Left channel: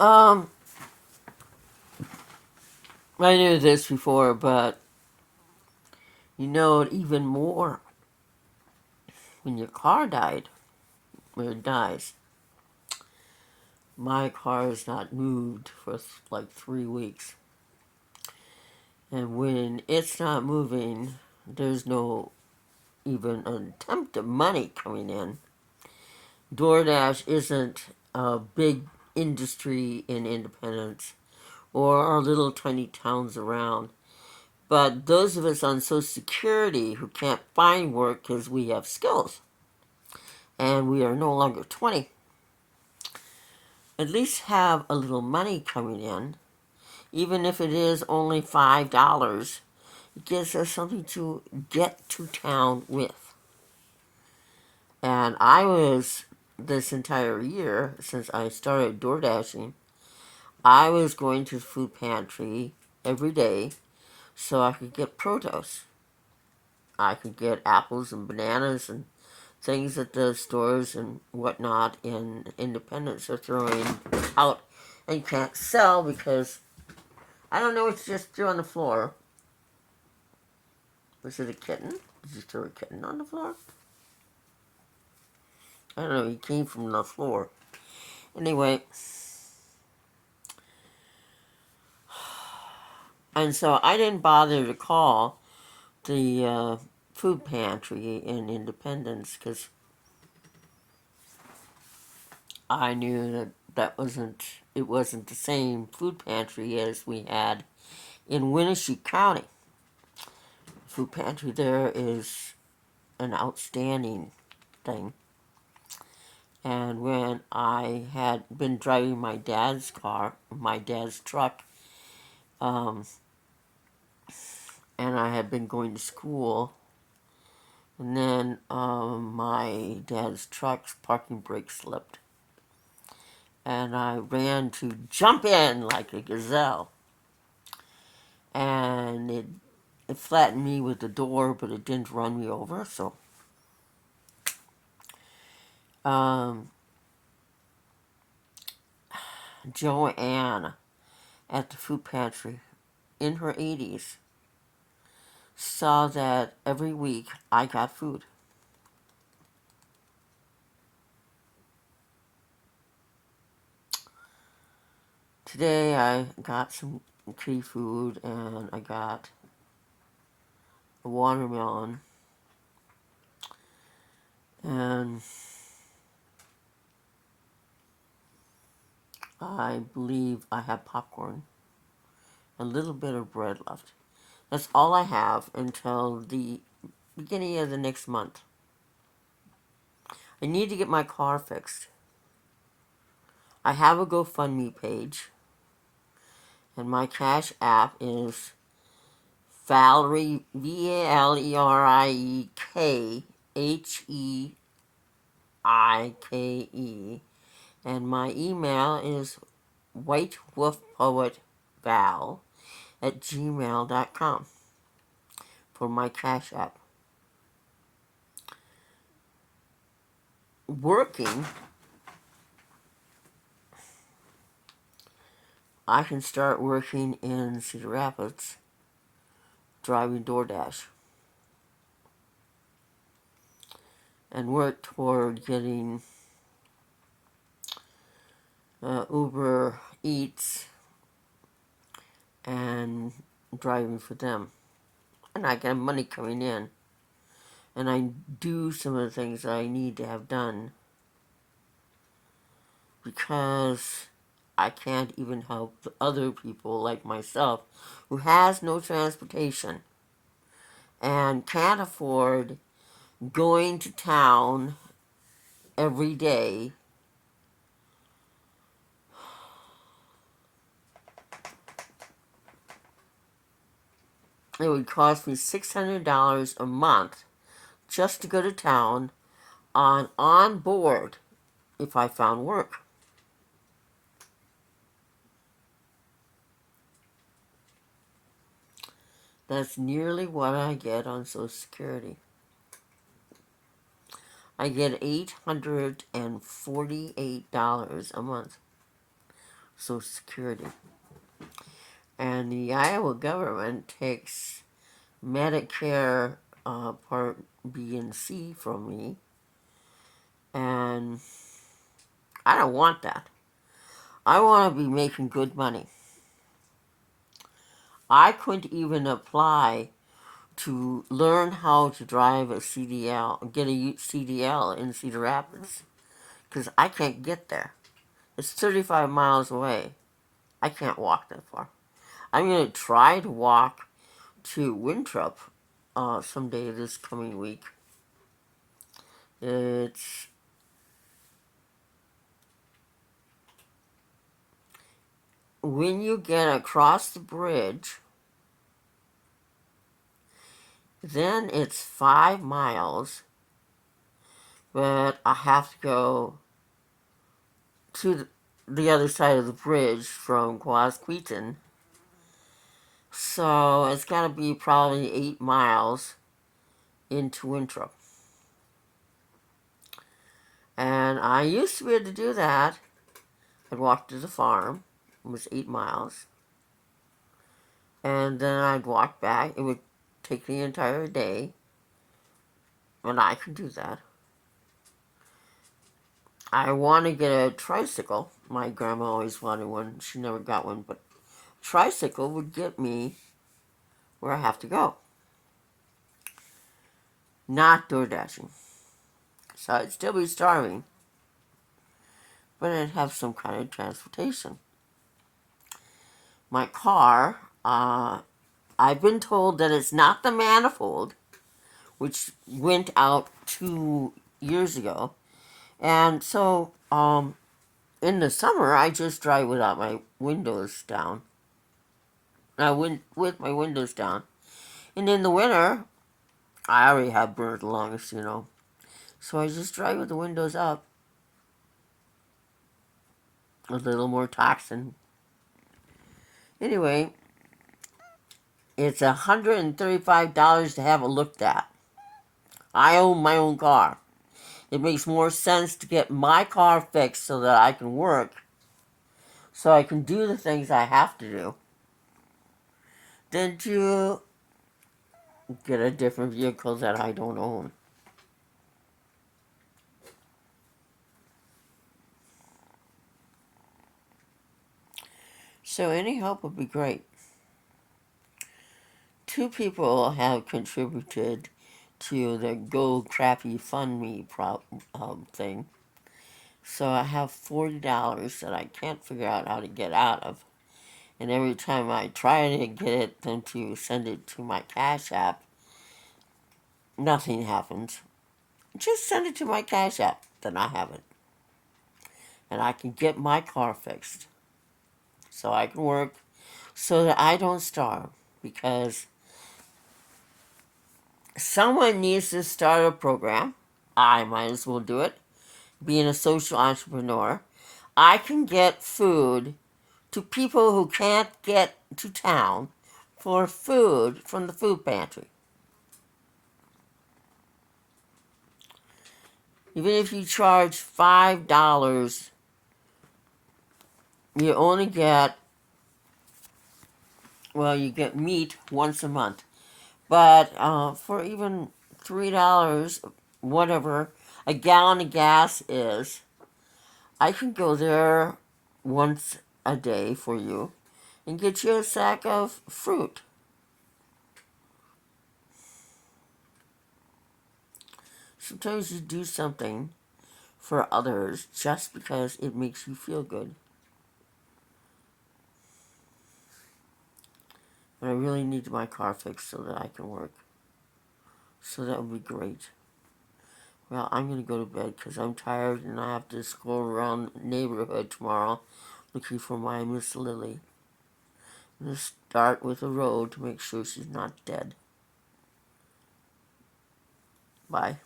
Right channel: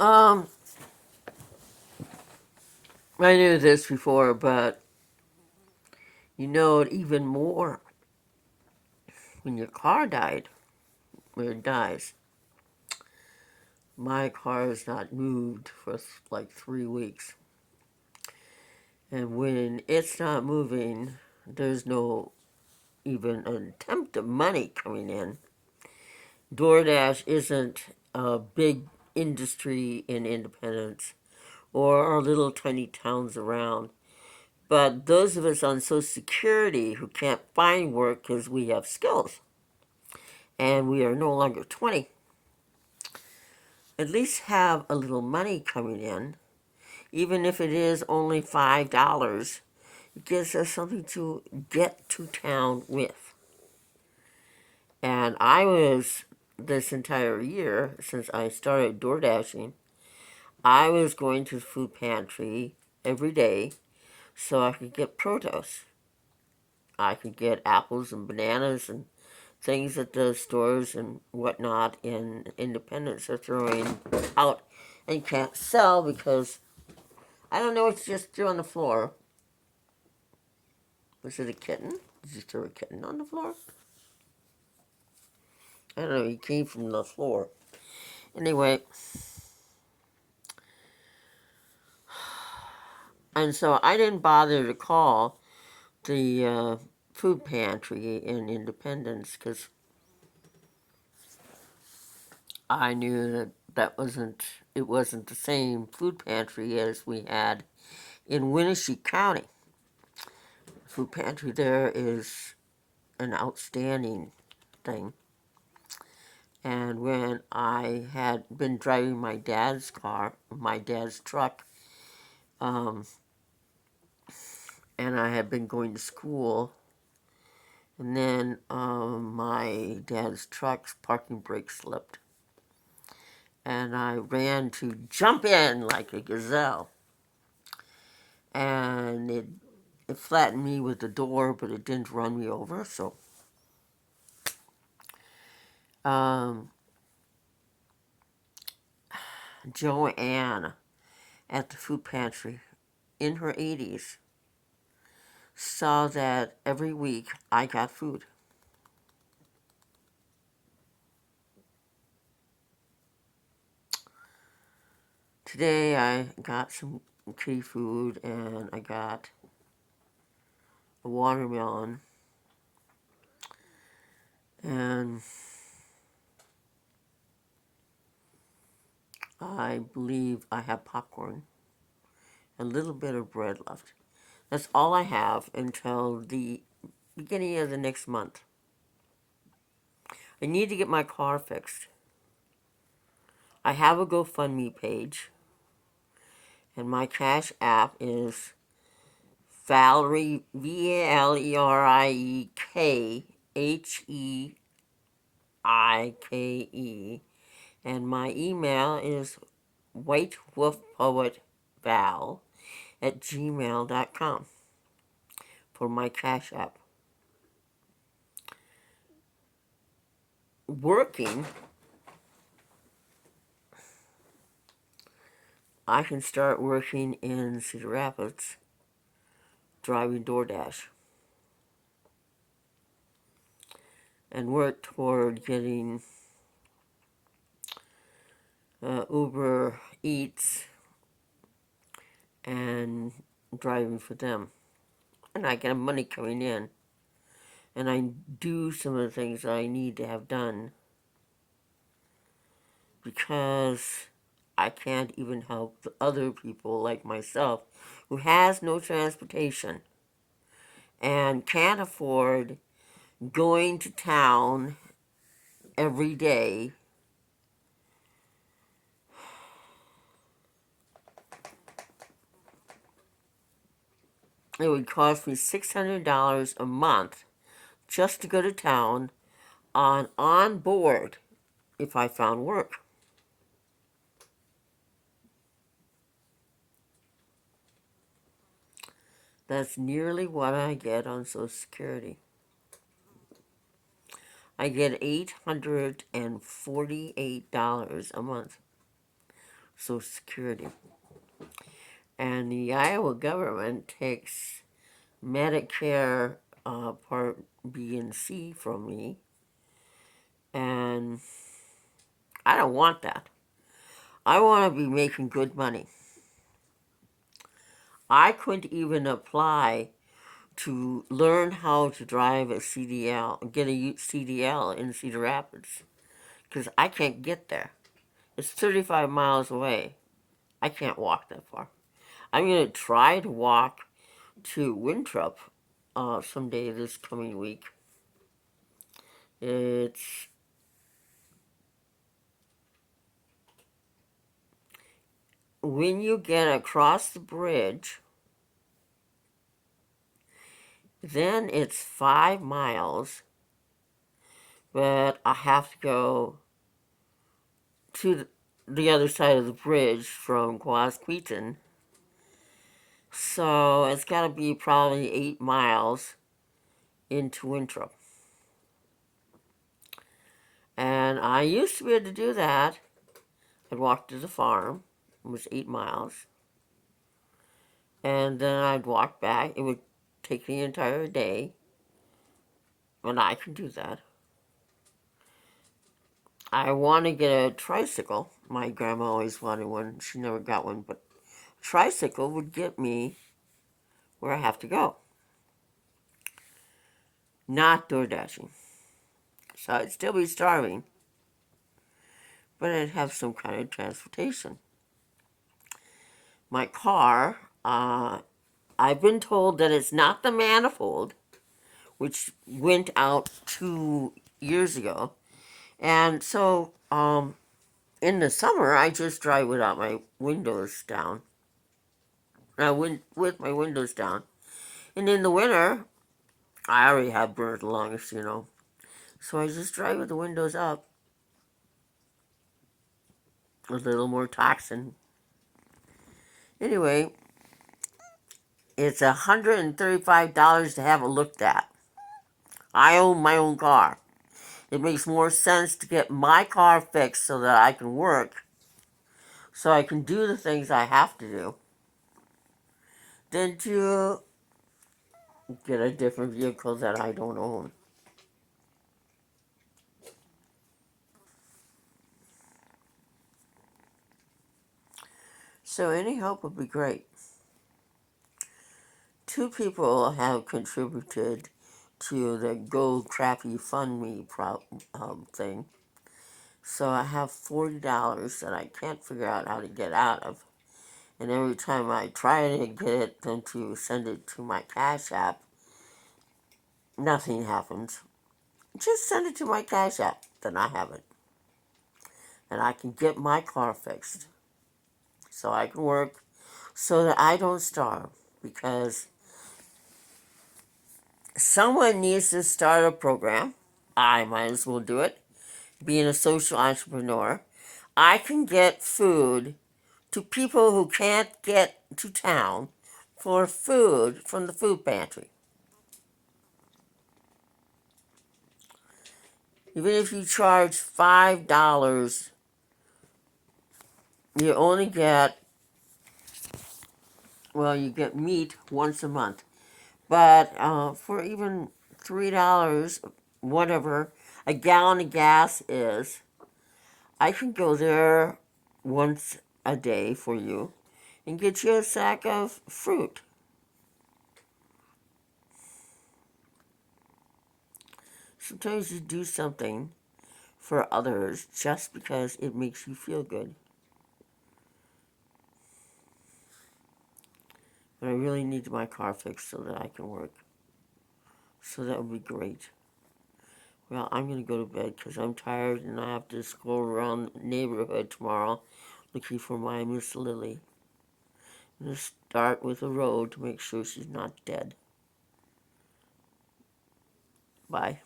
Um, I knew this before, but you know it even more when your car when it dies. My car is not moved for like 3 weeks. And when it's not moving, there's no even an attempt of money coming in. DoorDash isn't a big industry in Independence or our little tiny towns around. But those of us on Social Security who can't find work because we have skills and we are no longer 20, at least have a little money coming in, even if it is only $5. It gives us something to get to town with. And I was, this entire year, since I started door dashing, I was going to the food pantry every day so I could get produce. I could get apples and bananas and things that the stores and whatnot in Independence are throwing out and can't sell because I don't know what you just threw on the floor. Was it a kitten? Did you throw a kitten on the floor? I don't know, he came from the floor. Anyway, and so I didn't bother to call the food pantry in Independence because I knew that it wasn't the same food pantry as we had in Winnebago County. The food pantry there is an outstanding thing. And when I had been driving my dad's truck, um, and I had been going to school, and then my dad's truck's parking brake slipped. And I ran to jump in like a gazelle. And it flattened me with the door, but it didn't run me over. So um, Joanne at the food pantry in her 80s saw that every week I got food. Today I got some kitty food and I got a watermelon and I believe I have popcorn, a little bit of bread left. That's all I have until the beginning of the next month. I need to get my car fixed. I have a GoFundMe page, and my Cash App is Valerie, VALERIKHEIKE, and my email is whitewolfpoetval@gmail.com for my Cash App. Working, I can start working in Cedar Rapids, driving DoorDash, and work toward getting Uber Eats and driving for them. And I get money coming in. And I do some of the things that I need to have done because I can't even help other people like myself who has no transportation and can't afford going to town every day. It would cost me $600 a month just to go to town on board if I found work. That's nearly what I get on Social Security. I get $848 a month. Social Security. And the Iowa government takes Medicare Part B and C from me. And I don't want that. I want to be making good money. I couldn't even apply to learn how to drive a CDL, get a CDL in Cedar Rapids, because I can't get there. It's 35 miles away. I can't walk that far. I'm going to try to walk to Winthrop someday this coming week. It's when you get across the bridge, then it's 5 miles, but I have to go to the other side of the bridge from Quasqueton. So it's got to be probably 8 miles into Winthrop. And I used to be able to do that. I'd walk to the farm. It was 8 miles. And then I'd walk back. It would take the entire day. And I could do that. I want to get a tricycle. My grandma always wanted one. She never got one. But a tricycle would get me where I have to go. Not door dashing. So I'd still be starving. But I'd have some kind of transportation. My car, I've been told that it's not the manifold, which went out 2 years ago. And so in the summer, I just drive without my windows down. With my windows down. And in the winter, I already have bird lungs, you know. So I just drive with the windows up. A little more toxin. Anyway, it's $135 to have it looked at. I own my own car. It makes more sense to get my car fixed so that I can work, so I can do the things I have to do, than to get a different vehicle that I don't own. So any help would be great. 2 people have contributed to the Go Crappy Fund Me thing. So I have $40 that I can't figure out how to get out of. And every time I try to get them to send it to my Cash App, nothing happens. Just send it to my Cash App, then I have it. And I can get my car fixed. So I can work so that I don't starve. Because someone needs to start a program. I might as well do it. Being a social entrepreneur, I can get food to people who can't get to town for food from the food pantry. Even if you charge $5, you only get, well, you get meat once a month. But for even $3, whatever a gallon of gas is, I can go there once a day for you and get you a sack of fruit. Sometimes you do something for others just because it makes you feel good. But I really need my car fixed so that I can work. So that would be great. Well, I'm going to go to bed because I'm tired and I have to stroll around the neighborhood tomorrow looking for my Miss Lily. I'm going to start with the road to make sure she's not dead. Bye.